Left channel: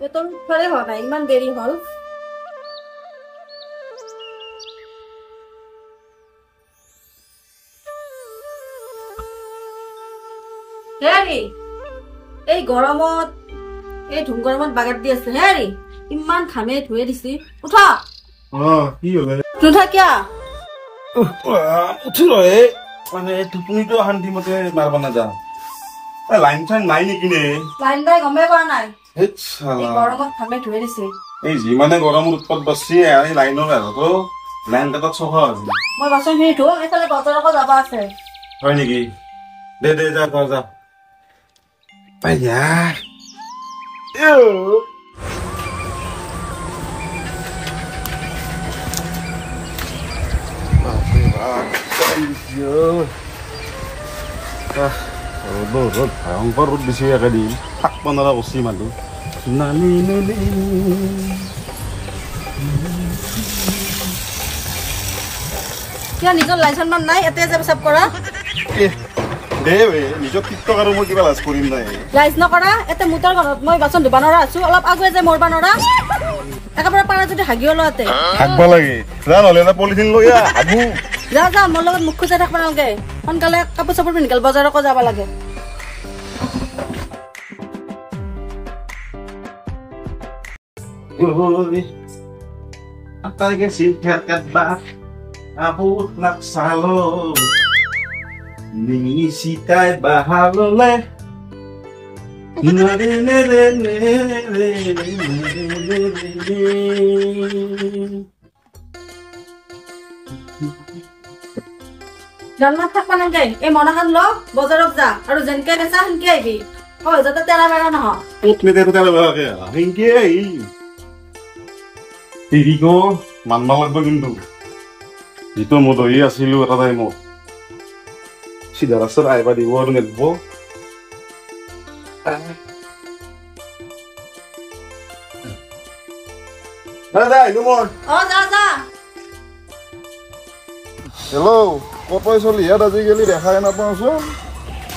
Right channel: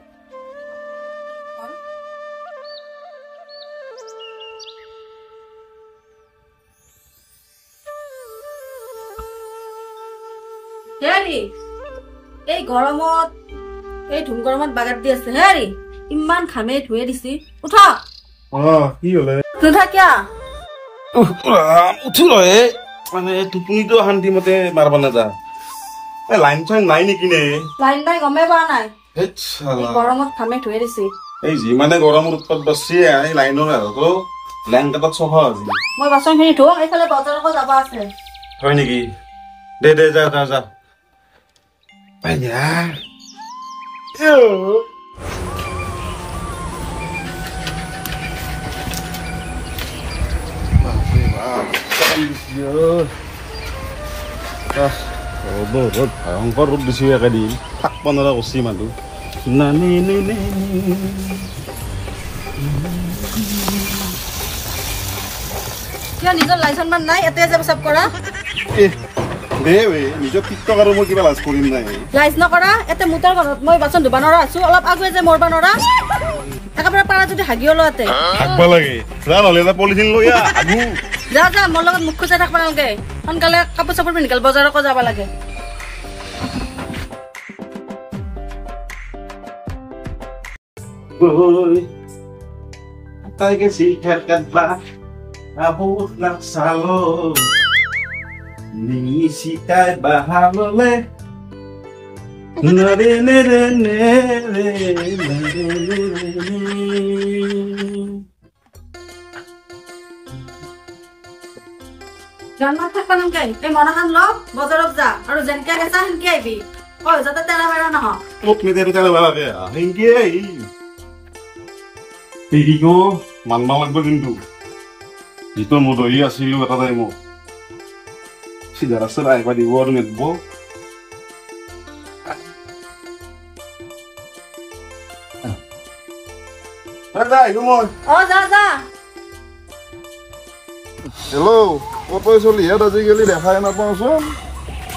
বেতন ফলে হয় না ইমান দেৰি হল হেৰি এই গৰমত এই ধুম গৰমত বাগাত দি আছে হেৰি ইমান ঘামে ধুয়ে দিছি উঠা কি হলে নুঠা কিয়া উঠি ৰহে মানে টোপনিটো শান্তিমতে মাৰব নাযা লাইন চাইন নাই নেকি নে লাইন বাই গমে পোৱা নাই হেৎ এই গৰমত ঘামে ধুয়ে দিছি এই যিমানে গৰমৰ উৎপাত বাঢ়ছি এই লাইনৰ আৰু লাইন কাটাত চফা হৈছে মই বাচনখিনি ধুম এইফালে বজাৰকো যাব আছে হয় নেকি দে দে যা যা যা यार ভয়ংকৰ ৰ'দ দিছে একেদিন থাকিব নোৱাৰা কচি মানুহ কিয় নিজৰ লাইচেন্স মান নাই এতে যাব সব কৰা দে বে নিজৰ টিকটক আৰু মই কিবা লাজ কৰিম নাই লাইচ নকৰা এতে মুটাৰ ঘৰত মই বাচন ধুবা নৰা আছো অলপ আগুৱে যে মৰবা নৰা একেবাৰে পাৰা যদি হাগিও লতে হাগবা লাগে যা নহলে এটা পলিথিন লৈ আগু যা যা মোৰ লগত মুখ খুচাই থাকবা নালগে সোনকালে কাপোৰ চাপোৰ পিন্ধি বজাৰকো যাব লাগে আটাই গেছি হেৰকাত বা বহুত নাকচালো নি সিতাই বাহাললে নৰে নে ৰে নে ৰে জান্নাত থাকবা নালগে এই মনাখান ল বজাৰত যা আৰু যেনকে নেচা সেনকে আহিবি যাতে তেৰা বেৰা নহয় ক'ত নেতেৰো তেৰা বেৰাকে সেনকে আহি এইটো মানবা লাগব কিন্তু যিটো মই দহি আছিলো এটা টাইমত সিধা ৰাস্তাত আহিবা দিব আৰু নেদব যা আহিলো মই যা যা হেল্ল' ক'ত চলি ইয়াত আজিকালি দেখাই নাপাওঁচোন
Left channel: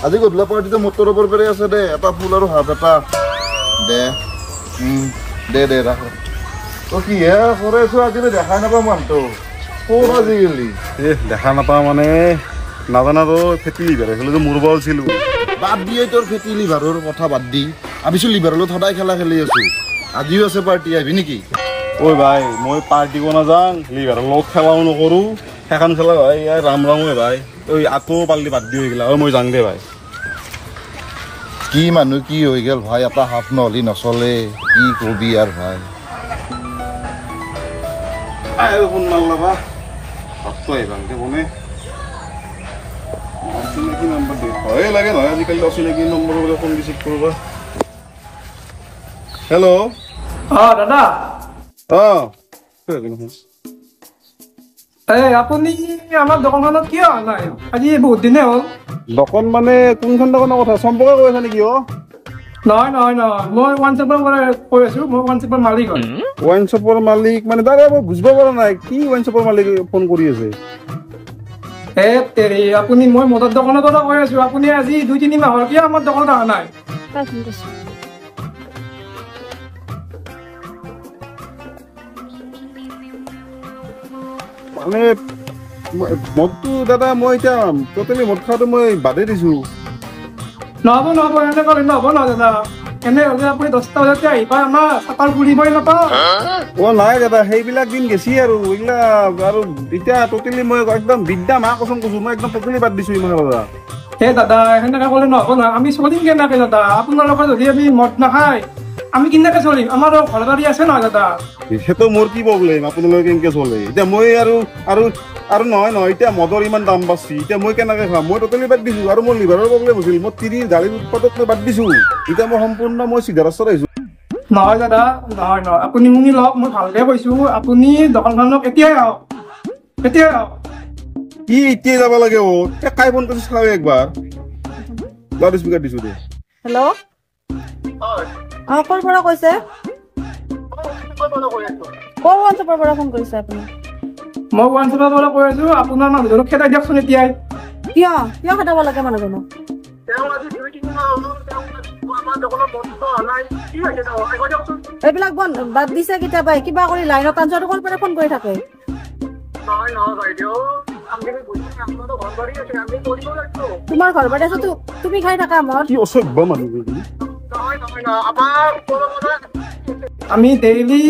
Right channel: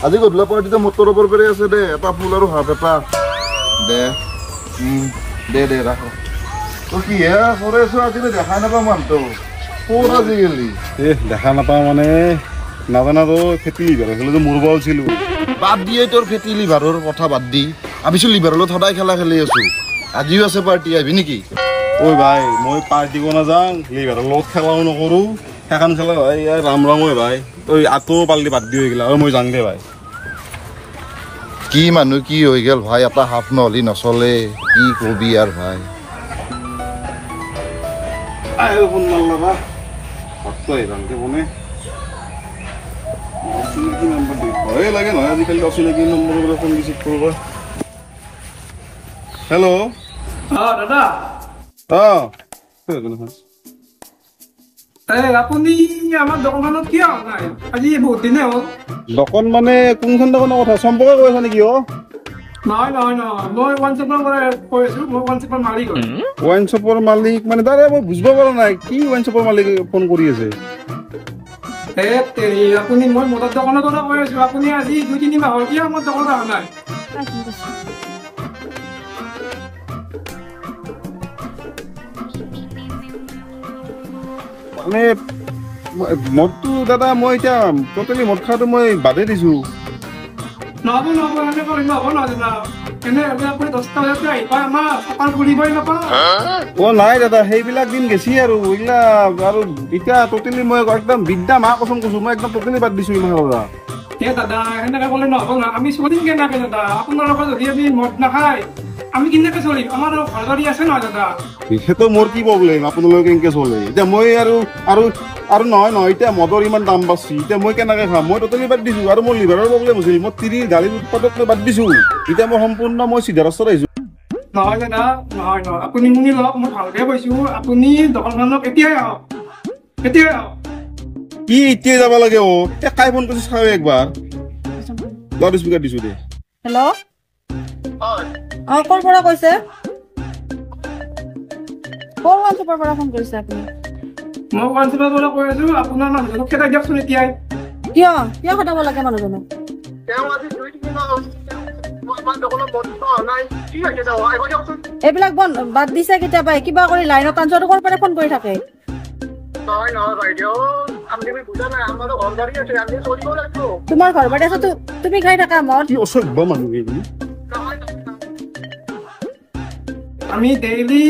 আজি গধূলা পাৰ্টিতে মটৰৰ ওপৰ পেৰে আছে দে এটা ফুল আৰু হাফ এটা দে দে দে ৰাখ তই কি হে কৰিছো আজিকালি দেখাই নাপাওঁ মানুহটো ক'ত আজিকালি দেখা নাপাওঁ মানে নাজানাতো ফেটি লিভাৰ হৈছিল যে মৰব আছিলো বাদ দিয়ে তোৰ ফেটি লিভাৰৰ কথা বাদ দি ভাবিছো লিভাৰৰ লগত সদায় খেলা খেলি আছো আজিও আছে পাৰ্টি আহিবি নেকি ঐ ভাই মই পাৰ্টি কৰিব নাযাওঁ লিভাৰৰ লগত খেলাও নকৰোঁ সেইখন খেলা ভাই ৰাম ৰাম ঐ ভাই তই আঁতৰো পাল্লি বাদ দি হৈ গেলা মই যাওঁ দে ভাই কি মানুহ কি হৈ গ'ল ভাই এটা হাফ নহ'লি নচলে কি কবি আৰু ভাই ফোন মাৰলা বা ভাতটো আহিবাংকে বনে অচিনাকি নম্বৰ দে ভয়ে লাগে নহয় আজিকালি অচিনাকি নম্বৰৰ পৰা ফোন ৰিচিভ কৰিব হেল্ল' দাদা আপুনি আমাৰ দোকানখনত কিয় অহা নাই আজি বহুত দিনে হ'ল দোকান মানে কোনখন দোকানৰ কথা চম্পকে কৈ আছা নেকি নহয় নহয় নহয় মই ওৱান শ্বপৰ পৰা কৈ আছো মই ওৱান শ্বপৰ মালিক হয় ওৱাইন শ্বপৰ মালিক মানে দাদা মই বুজিব পৰা নাই কি ওৱাইন শ্বপৰ মালিক ফোন কৰি আছে আপুনি মই মদৰ দোকানৰ কথা কৈ আছো আপুনি আজি 2-3 মাহৰ কিয় আমাৰ দোকানত অহা নাই মানে মদটো দাদা মই এতিয়া টোটেলি মদ খোৱাটো মই বাদেই দিছো নহ'ব নহ'ব এনে কৰিলে নহ'ব নহয় দাদা এনে হ'লে আপুনি 10টা বজাতে আহিবা আমাৰ চাপাৰ ঘূৰিবই নাপাওঁ নাই দাদা সেইবিলাক দিন গেছি আৰু এইবিলাক আৰু এতিয়া টোটেলি মই একদম বিদ্যা মা কচম কৈছো মই একদম টোটেলি বাদ দিছো ইমান দাদা দাদা সেনেকে ক'লে নহ'ব নহয় আমি চলিম কেনেকে দাদা আপোনাৰ লগত যদি আমি মদ নাখায় আমি কেনেকে চলিম আমাৰ ঘৰ বাৰী আছে নহয় দাদা সেইটো মোৰ কি প্ৰব্লেম আপোনালোকে কেনেকে চলে এতিয়া মই আৰু নহয় এতিয়া মদৰ ইমান দাম বাঢ়ছি এতিয়া মই কেনেকে খাম মই টোটেলি বাদ দিছো আৰু মোৰ লিভাৰৰ প্ৰব্লেম হৈছিল মই 30 দালিৰ উৎপাদক মই বাদ দিছো এতিয়া মই সম্পূৰ্ণ মই চিধা ৰাস্তাত আহিছো নহয় দাদা নহয় আপুনি শুনি লওক মই ভালকে কৈছো আপুনি দোকানখনক এতিয়াই আহক কি এতিয়াই যাব লাগে কাই ফোন কৰিছে চাওঁ একবাৰ লাউড স্পীকাৰ দিছো দে হেল্ল' কৰ পৰা কৈছে কৰ হোৱাটছএপৰ পৰা ফোন কৰিছে আপুনি মই হোৱাটছএপৰ পৰা কৈ আছো আপোনাৰ মানুহজনক খেদাই দিয়কচোন এতিয়াই কিয় কিয় খেদাব লাগে মানুহজনক এইবিলাক বাদ দিছে কেতিয়াবাই কিবা কৰি লাইনত আনচাৰটো কৰ পৰা ফোন কৰি থাকে তোমাৰ ঘৰ বাৰী আছে তুমি খাই থাকা মদ কি অসভ্য মানুহ আমি ডেইলি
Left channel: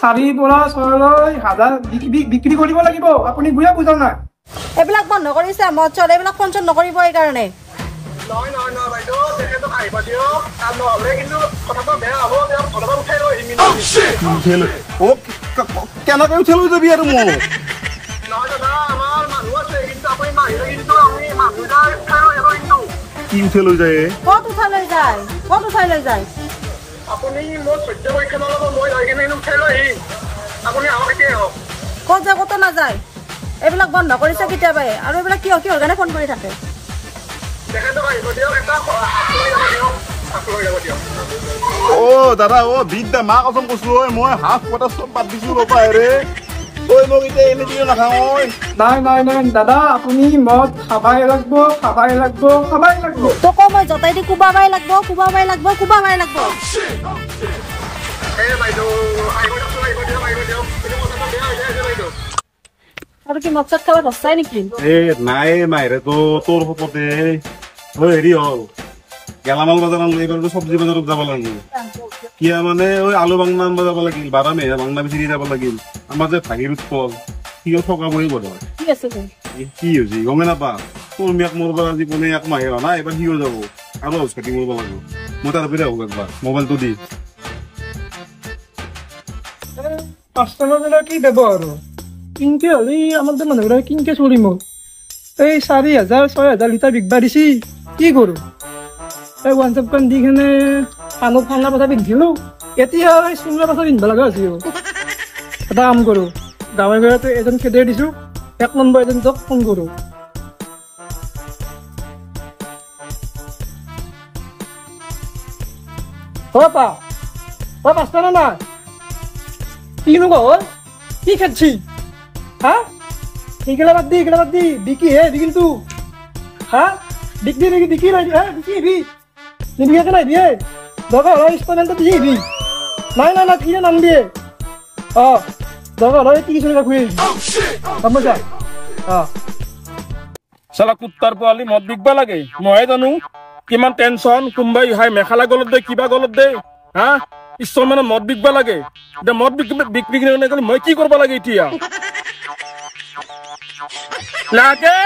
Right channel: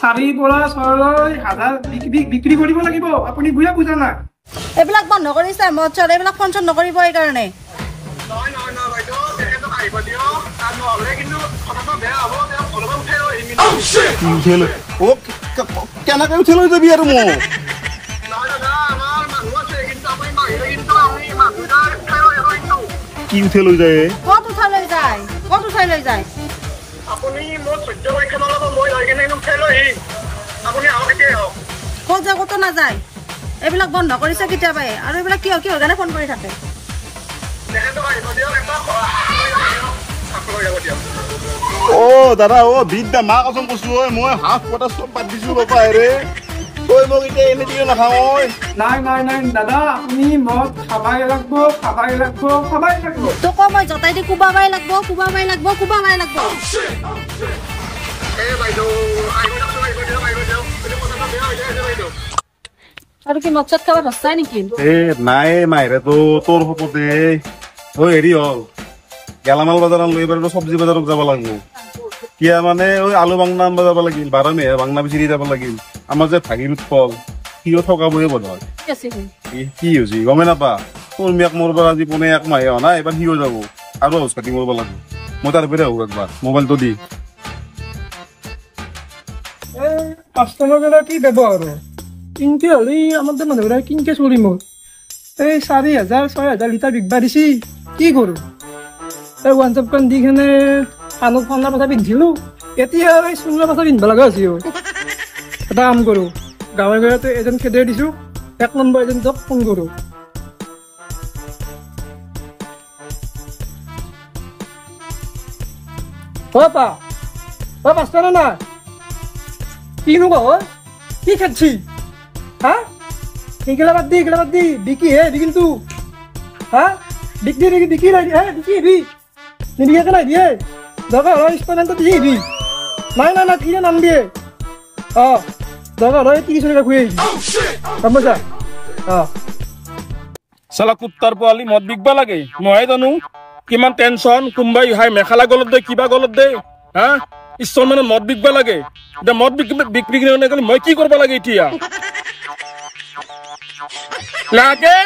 4 পৰা 6,000 বিক্ৰী কৰিব লাগিব আপুনি বুজা নাই এইবিলাক বন্ধ কৰিছে মদ চদ এইবিলাক ফোন চোন নকৰিব এইকাৰণে কেনেকৈ উঠাই লৈ যাবি আৰু মোক কি উঠাই লৈ যায় ক'ত উঠাই লৈ যায় ক'ত উঠাই লৈ যায় ক'ত যায় ক'তো নাযায় এইবিলাক বন্ধ কৰিছে কেতিয়াবাই আৰু এইবিলাক কিহৰ কাৰণে ফোন কৰি থাকে অ দাদা অ বিদ্যা মা কচম কৈছো ঐ মই হাফ পটা চব বাদ দিছো ৰবা ৰে ঐ মোক এতিয়া এনে দিও নাখাওঁ ঐ নাই দাদা আপুনি মদ খাবাই লাগব তোক মই জতাই দি কুবাবাই লাগব আৰু কি মদ চদ খাব ধৰছাই নেকি নাই মাইৰে তো তোৰ সপতে ঐ হেৰি হ'ল গেলামাল বজাৰত লৈ পেলাই চব্জি বজাৰত যাব লাগিব কিয় মানে ঐ আলু বাংনা আনব যাব লাগিল 12 মেহে বাংনা বিচাৰি যাব লাগিল আমাৰ যে ভাগিৰ উৎপল সিও থকা বহি বজাৰ কি হৈছে গমে নাপা তোৰ মিয়াক মৰব আজি পোনে 1 মাহে হোৱা নাই এবাৰ সিও যাব আৰু হাউচ কাটি মৰব লাগিব মই তাৰ পৰা আহোঁ একবাৰ মোবাইলটো দি 5 টকা কি দেব আৰু কিনকে হলি আমাৰ দে মানুহবিলাক কিনকে চলিম এই 4,000 6,000 লিটাৰ বিকবা দিছি কি কৰো এই হোৱাটছএপ কান দি কেনে কাণত ফান্না পাছা পিন্ধিলো এতিয়া এই চুঙলা পাছা পিন্ধিব লগা হৈছে এটা কাম কৰো গাঁৱে গাঁৱতে এজন খেদাই দিছো 1 নম্বৰ এজেণ্টক ফোন কৰো পা 5 টকা না কিনো কয় কি খেদছি হা এইগিলা বাদ দি বিকি হে বিকিল তু হা বিকি নাই হে বিকি নিবিকে নাই দিয়ে দৰকাৰ হয় স্পনেণ্টত দিবি নাই কি নাম দিয়ে দৰকাৰ হয় 30 টকা খুৱাই গম পাইছা চালা কুত্তাৰ পোৱালি মদ বিকবা লাগে মইহে জানো কিমান টেনচন কোনোবাই হাই মেখেলা গলত দে কিবা গলত দে হা ঈশ্বৰ মানে মদ বিকবা লাগে এতিয়া মদ বিক্ৰী কৰি মই কি কৰিব লাগে এতিয়া লাগে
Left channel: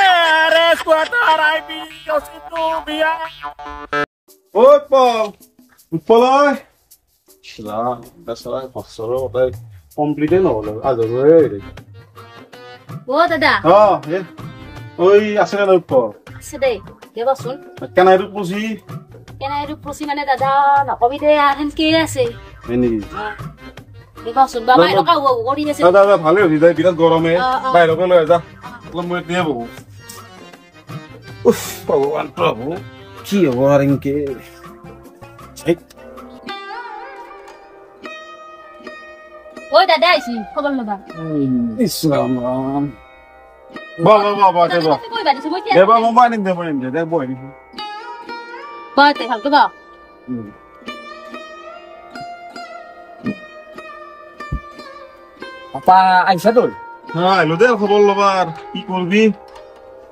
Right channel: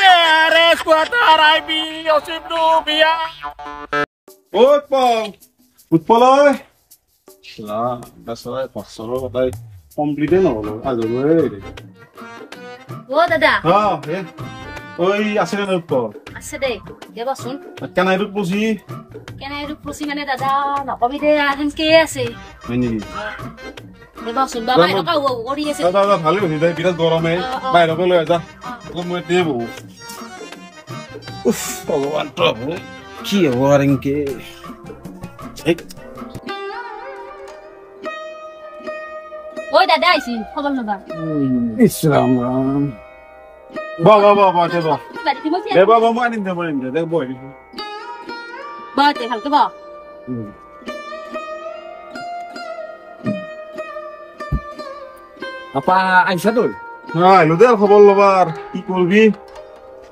আৰে স্কোৱাটাৰ আইবি অচিন্তু বিয়া ঐ উৎপল দাসৰাই ফসলৰ কথাই কমপ্লিটে নহ'ল আজৰে অ দাদা ঐ আছে না উৎপল আছে দে দেবচোন কেনাইৰুত পুছি মানে দাদা নকবি দে আনকে আছে হয় নেকি দেবচোন বাবা টকা কৰি আছে দাদা ভালে হৈ যায় বিৰাট গৰমে বাহিৰকে লৈ যা অলপ মই দিয়ে বহু উফ ভগৱান প্ৰভু কি হ'ব আৰু এনেকে ঐ দাদা আহিছি খবৰ ল'বা ইছৰাম ৰাম বাবা দেব মই আনিম দে বৈ দিছো বাতে ভালকে বা আপা আইছা তই আহিলো দে খবৰ ল'বাৰ কি কৰবি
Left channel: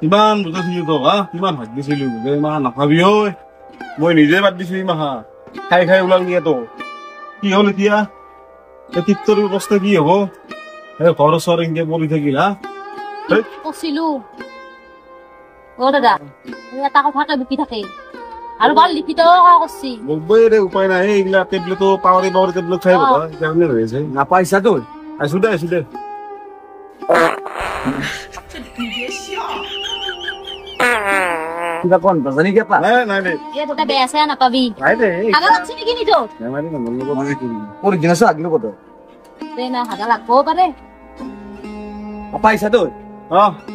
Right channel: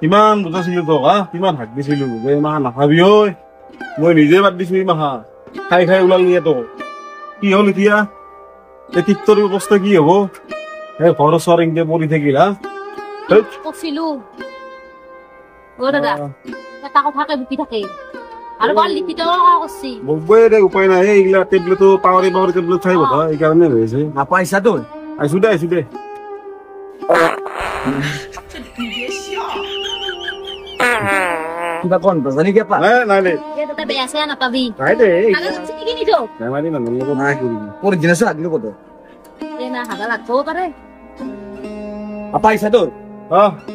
ইমান বুজাইছিলো তোক কিমান হাত দিছিলো যে ইমান নাখাবি ঐ মই নিজে বাদ দিছো ইমাহা খাই ওলালি তো কি হ'ল এতিয়া এই তীৰ্থৰ অৱস্থা কি হব এই ঘৰ চৰ এনেকে পৰি থাকিল কৈছিলো অ দাদা এটা কথাকে বুকি থাকে আৰু বাল লিখিত কৰছি বলবই দে উপায় নাই এইগিলা টেবলেটো পাৱাৰি টেবলেট খাই বতা এইকাৰণে হৈছে নাপাইছা তই আইছো দে কিবা কোন জানি কে পা নাই দে এ তোকে বেয়া চেয়া নাপাবি নাই দে আগত আছে নেকি নিতো বেমাৰী মানুহৰ লগত নাই কৰি অৰিজিনাল আগিলো কত এই না হাগা লাগবও পাৰে পাইছা তই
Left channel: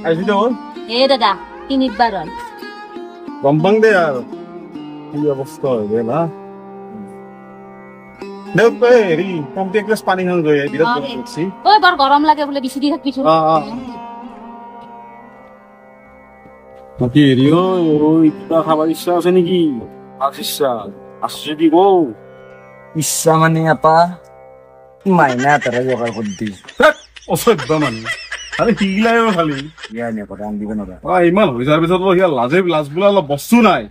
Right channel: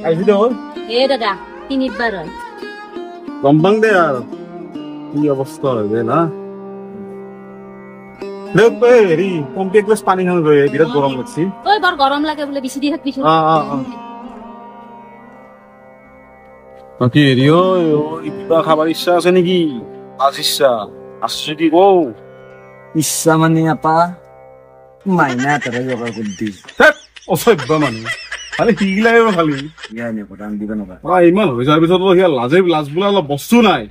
আইছো দে এ দাদা তিনিবাৰ হয় গম পাং দে আৰু কি অৱস্থা হৈ গ'ল হেৰি কমটি এক গ্লাছ পানী খাওঁ গৈ বিৰাট গৰম লাগছি ঐ বৰ গৰম লাগে বোলে বেছি দি থাকিছ বাকী হেৰি ঐ কিবা খাবার ইচ্ছা আছে নেকি আজ ইচ্ছা আছে যদি কও ইচ্ছা মানে আপা মাইনা এটাৰে যোগাৰ কৰি দি অসভ্য মানে খালি শিকিলাই খালি ইমান হৈ যোৱাৰ পিছত লাজ বোলা অলপ বস্তু নাই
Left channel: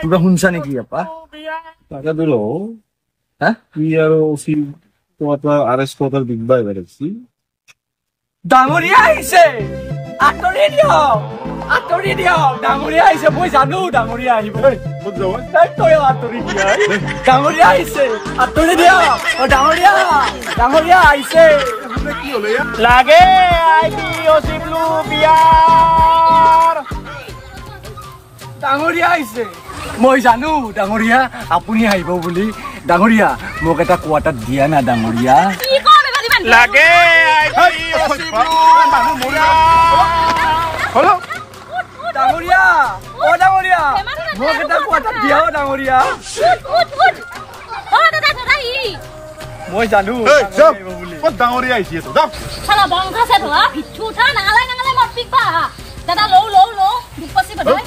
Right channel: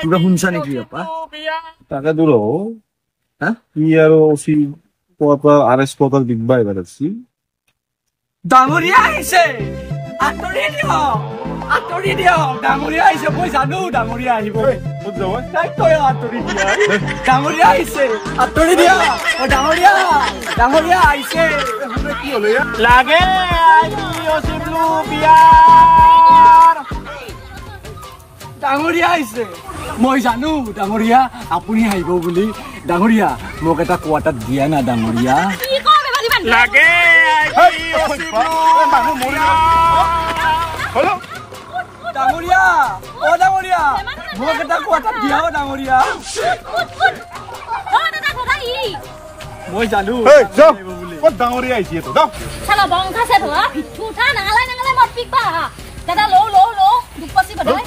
কিবা শুনছা নেকি আপা তাকে দূৰ কি আৰু আৰেষ্ট কোৱাটাৰ দিগবা এবাৰ আছে ডাঙৰীয়া আহিছে আঁতৰি দিয়ক ডাঙৰীয়া আহিছে মই জানো ডাঙৰীয়া আহিব ডাঙৰীয়া আহিছে আঁতৰি দিয়ক ডাঙৰীয়া আহিছে কি হলে লাগে ডাঙৰীয়া আহিছে মই জানো ডাঙৰীয়া আপুনি আহিব বুলি ডাঙৰীয়া মোক এটা কোৱাটাৰ দিয়া না ডাঙৰীয়া লাগে ডাঙৰীয়া মোক এটা কোৱাটাৰ দিয়া ডাঙৰীয়া মই জানো ক'ত ডাঙৰীয়া আহিছে তো যাওক শালা বংখা সে ধোৱা ভিঠু উঠা নাগালাই মত পিকবা দাদা লও দুখ পাছি বদই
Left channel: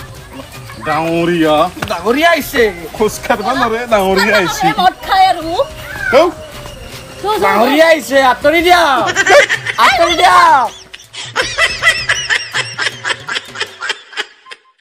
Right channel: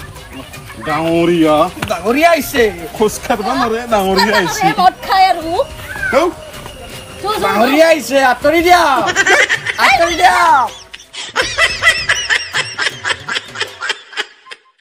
ডাঙৰীয়া আহিছে খোজ কাঢ়বা নৰে ডাঙৰীয়া আহিছে মত খায় আৰু ডাঙৰীয়া আহিছে আঁতৰি দিয়া